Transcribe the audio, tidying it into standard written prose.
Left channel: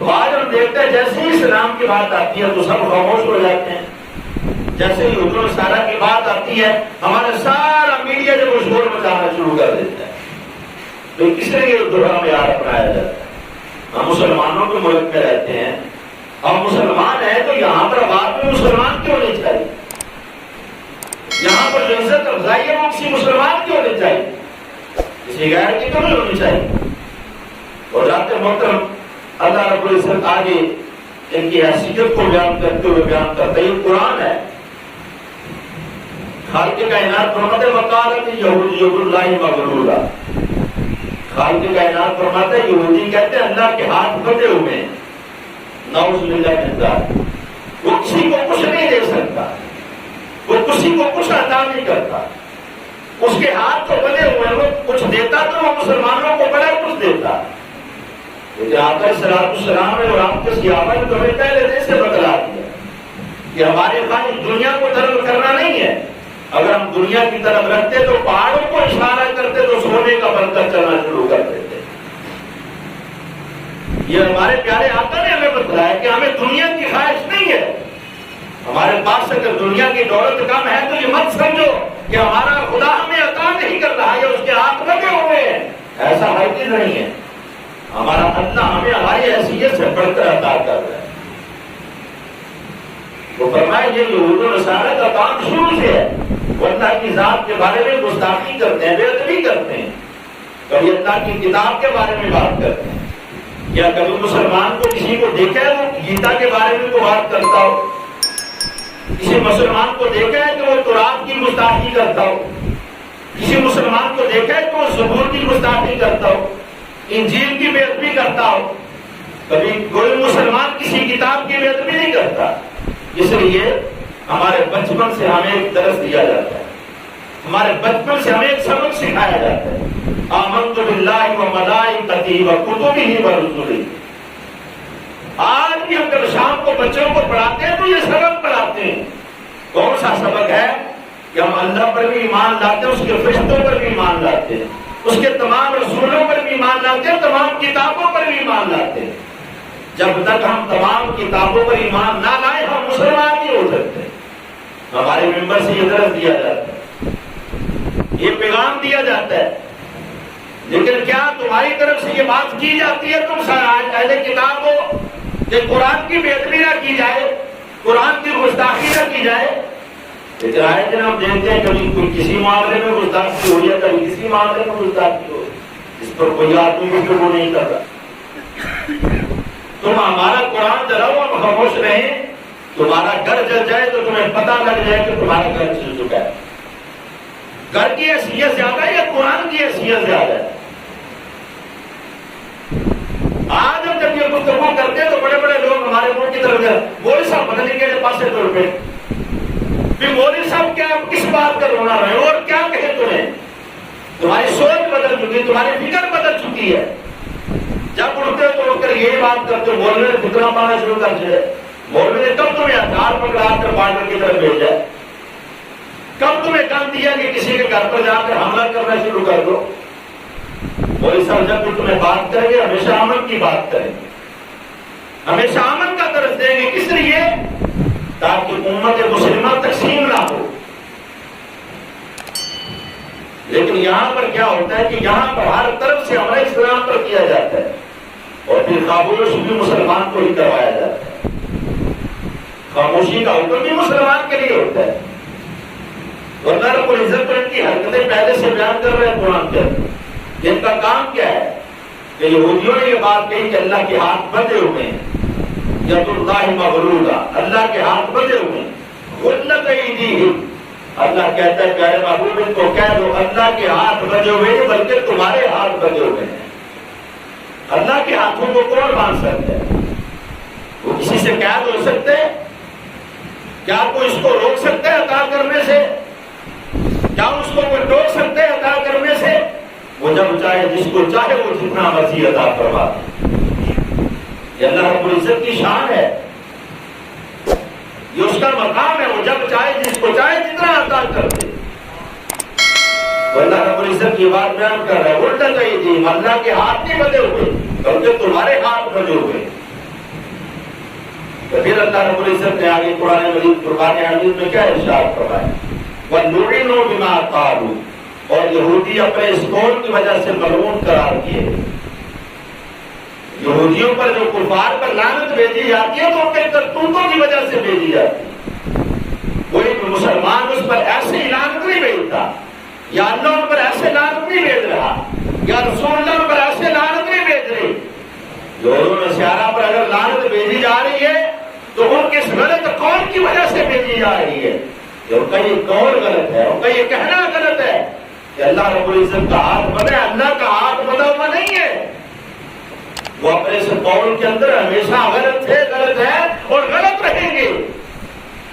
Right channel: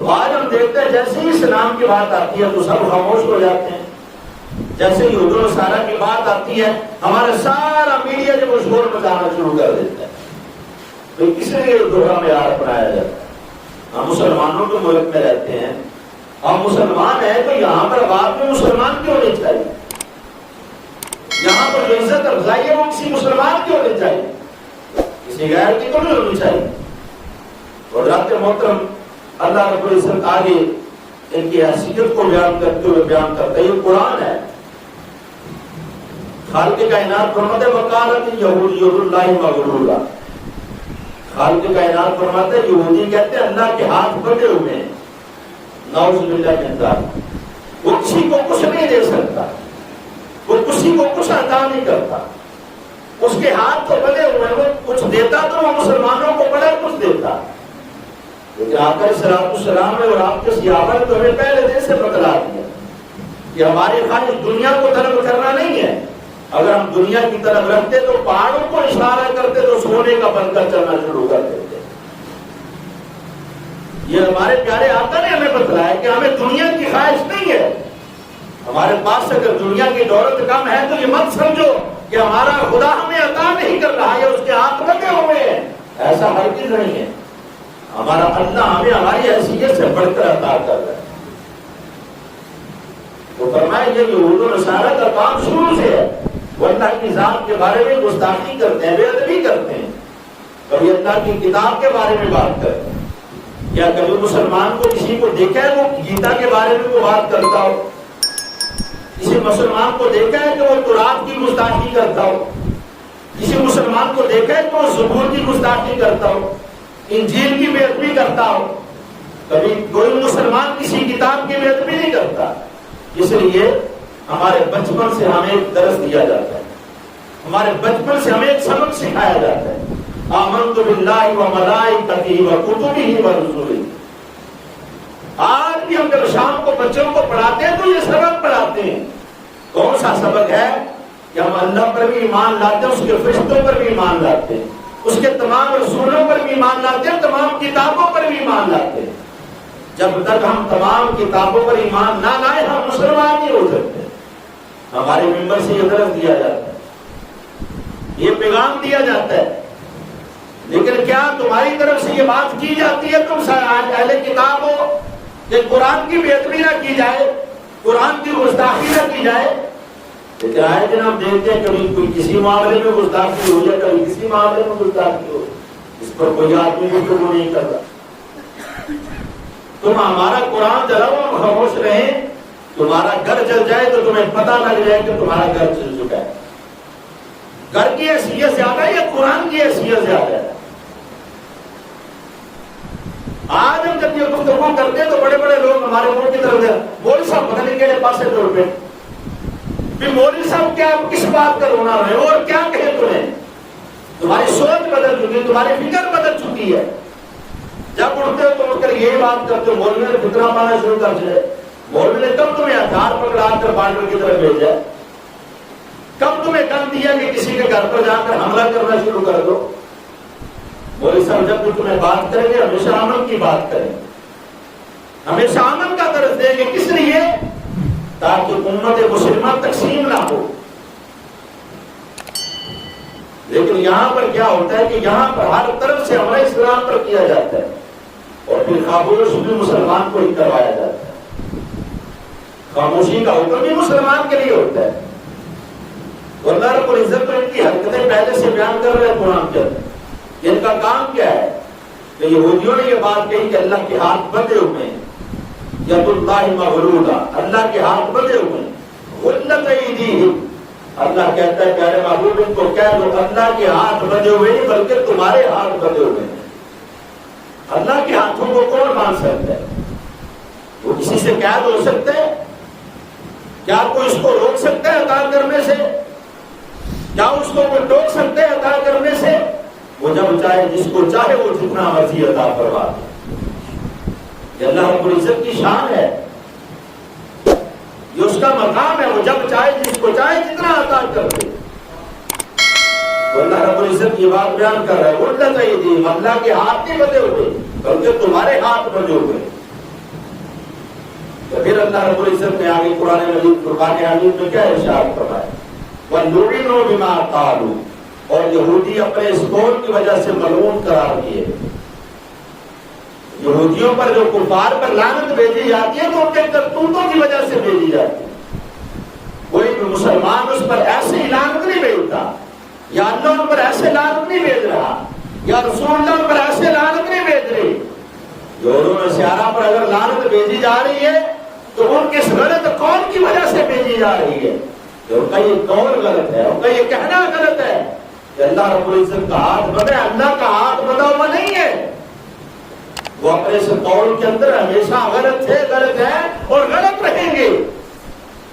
آج ہم دیکھتے ہیں جیسے ہی اسلام کی بات آتی ہے تو سب خاموش ہو جاتے ہیں. جیسے ہی حضور سارا کی بات آتی ہے ہمارا سارا میڈیا جو شور مچانا شروع کر دیتا ہے. بھائی کس لیے دوہرا معیار اپنایا جاتا ہے؟ ہم مسلمانوں کے ملک میں رہتے ہیں, ہم مسلمان ہیں, تو یہاں پر بات میں مسلمان کیوں نہیں چاہیے؟ یہاں پر جو عزت افزائی ہے وہ کسی مسلمان کی ہونی چاہیے, کسی غیر کی تو نہیں ہونی چاہیے. حضرات محترم, اللہ رب العزت آگے ان کی حیثیت کو بیان کرتے ہوئے بیان کرتا ہے. یہ قرآن ہے. خالق کائنات فرماتے وقالت یہود ید اللہ مغلولہ. خالق کائنات فرماتے یہودی کہتے ہیں اللہ کے ہاتھ بندھے ہوئے ہیں. نعوذ باللہ من ذالک. وہ کسی کو کچھ نہیں دے سکتا, وہ کسی کو کچھ عطا نہیں کرتا, اس کے ہاتھ تو بندھے ہوئے ہیں. وہ کچھ دیتا تو وہ مسلمانوں کو بڑا کچھ دیتا. لیکن آقا صلی السلام نے اور آپ کے صحابہ نے تو ہمیں پہلے دن سے بتلا دیا کہ ہماری خواہش دنیا کو طلب کرنا نہیں ہے. اگر ہم دنیا کی طرف رکھتے تو پہاڑوں کو اشارہ کرتے تو سونے کا بن کر چلنا شروع کر دیتے. یہ ہمارے پیارے آقا نے ہمیں بتلایا کہ ہمیں دنیا کی خواہش نہیں ہے. ہمارے پاس اگر دنیا کی دولت کم ہے تو یہ مت سمجھو کہ ہمارا خدا ہمیں عطا نہیں کر رہا ہے, اس کے ہاتھ لگے ہوئے ہیں. ایسا ہرگز نہیں ہے. ہمارا اللہ ہمیں ہماری حیثیت سے بڑھ کر عطا کر رہا ہے. وہ فرمائے یہ یہود و نصارہ کا کام شروع سے ہے. وہ اللہ کی ذات کے بارے میں گستاخی کرتے ہیں, بے ادبی کرتے ہیں. کبھی اللہ کی کتاب کے بارے میں بات کرتے ہیں. یا کبھی مسلمان کو کسی کو دیکھا ہے وہ گیتا کے بارے میں کوئی بات کرتا ہو, کسی مسلمان کو دیکھا ہے کہ وہ تورات کی گستاخی کرتا ہو, کسی مسلمان کو دیکھا ہے کہ وہ زبور کی گستاخی کرتا ہو, انجیل کی بے ادبی کرتا ہو. کبھی کوئی مسلمان کسی کتاب کی بے ادبی نہیں کرتا. اس لیے ہمارے بچپن سے ہمیں ایک درس دیا جاتا ہے, ہمارے بچپن سے ہمیں ایک سبق سکھایا جاتا ہے. آمنت باللہ و ملائکتہ و کتبہ و رسلہ. آج بھی ہم جب شام کو بچوں کو پڑھاتے ہیں تو یہ سبق پڑھاتے ہیں. کون سا سبق ہے؟ کہ ہم اللہ پر بھی ایمان لاتے ہیں, اس کے فرشتوں پر بھی ایمان لاتے ہیں, اس کے تمام رسولوں پر بھی ایمان لاتے ہیں, تمام کتابوں پر بھی ایمان لاتے ہیں. جب تک ہم تمام کتابوں پر ایمان نہ لائیں ہم مسلمان نہیں ہو سکتے. ہمارے ممبر سے یہ درس دیا جاتا ہے, یہ پیغام دیا جاتا ہے. لیکن کیا تمہاری طرف سے یہ بات کی جاتی ہے تم اہل کتاب ہو کہ قرآن کی بے ادبی نہ کی جائے, قرآن کی گستاخی نہ کی جائے؟ لیکن آئے دن ہم دیکھتے ہیں کبھی کوئی کسی معاملے میں گستاخی ہو یا کبھی کسی معاملے میں گستاخی ہو, اس پر کوئی آدمی بھی وہ نہیں کرتا. تم ہمارا قرآن چلاؤ اور خاموش رہیں, تمہارا گھر جل جائے تو تمہیں پتہ لگ جائے کہ تمہارا گھر جل چکا ہے. گھر کی حیثیت زیادہ یا قرآن کی حیثیت زیادہ ہے؟ آج ہم جب یہ گفتگو کرتے ہیں تو بڑے بڑے لوگ ہمارے منہ کی طرف مولوی صاحب بدلنے کے لیے پاسے تو روپے بھی مولوی صاحب کیا کس بات کا رونا رہے اور کیا کہے تمہیں؟ تمہاری سوچ بدل چکی, تمہاری فکر بدل چکی ہے. جب اٹھتے ہو تو اٹھ کر یہی بات کرتے ہو مولوی نے فتنہ پانا شروع کر دیا. مولوی نے کب تمہیں ہتھیار پکڑا کر بارڈر کی طرف بھیجا؟ کب تمہیں کم دیا کہ کسی کے گھر پر جا کر حملہ کرنا شروع کر دو؟ مولوی صاحب جب بھی تمہیں بات کریں گے ہمیشہ امن کی بات کریں گے, ہمیشہ امن کا درس دیں گے. کس لیے؟ تاکہ امت مسلمہ تقسیم نہ ہو. لیکن یہاں پر کیا ہوتا ہے کہ یہاں پر ہر طرف سے حملہ اسلام پر کیا جاتا ہے اور پھر خاموش بھی مسلمان کو ہی کروایا جاتا ہے. خاموشی کا حکم بھی مسلمان کے لیے ہوتا ہے. اللہ رب العزت ان کی حرکتیں پہلے سے بیان کر رہے ہیں قرآن کے اندر. ان کا کام کیا ہے کہ یہودیوں نے یہ بات کہی کہ اللہ کے ہاتھ بندھے ہوئے ہیں, ید اللہ مغلولہ, اللہ کے ہاتھ بندھے ہوئے ہیں. غلت ایدیہم, اللہ کہتا ہے پیارے محبوب ان کو کہہ دو اللہ کے ہاتھ بندھے ہوئے ہیں بلکہ تمہارے ہاتھ بندھے ہوئے ہیں. اللہ کے ہاتھوں کو کون مان سکتا ہے؟ وہ کسی سے قید ہو سکتے ہیں؟ کیا کوئی اس کو روک سکتا ہے عطا کرنے سے؟ کیا اس کو کوئی ٹوک سکتے ہیں عطا کرنے سے؟ وہ جب چاہے جس کو چاہے وہ جتنا مرضی عطا کروا. یہ اللہ رب العزت کی شان ہے, یہ اس کا مقام ہے. وہ جب چاہے جس کو چاہے جتنا عطا کر دے. تو اللہ رب العزت کی بات بیان کر رہا ہے الٹا چاہیے جی اللہ کے ہاتھ نہیں بندھے ہوئے بلکہ تمہارے ہاتھ بندھے ہوئے. تو پھر اللہ رب العزت نے آگے قرآن مجید فرقان حمید میں کیا ارشاد فرمایا؟ وَلُعِنُوا بِمَا قَالُوا، اور یہودی اپنے اس قول کی وجہ سے ملعون قرار کیے۔ یہودیوں پر جو کفار پر لعنت بھیجی جاتی ہے تو ان کے کرتوتوں کی وجہ سے بھیجی جاتی ہے۔ کوئی بھی مسلمان اس پر ایسے ہی لعنت نہیں بھیجتا، یا اللہ ان پر ایسے لعنت نہیں بھیج رہا، یا رسول اللہ ان پر ایسے لعنت نہیں بھیج رہی۔ یہود و نصارہ پر اگر لعنت بھیجی جا رہی ہے تو ان کے اس غلط قول کی وجہ سے بھیجی جا رہی ہے کہ ان کا یہ قول غلط ہے، ان کا یہ کہنا غلط ہے کہ اللہ رب العزت کا ہاتھ بندہ ہے۔ اللہ کا ہاتھ بندہ ہوا نہیں ہے، وہ اپنے اس قول کے اندر ہمیشہ غلط تھے، غلط ہے اور غلط رہیں گے۔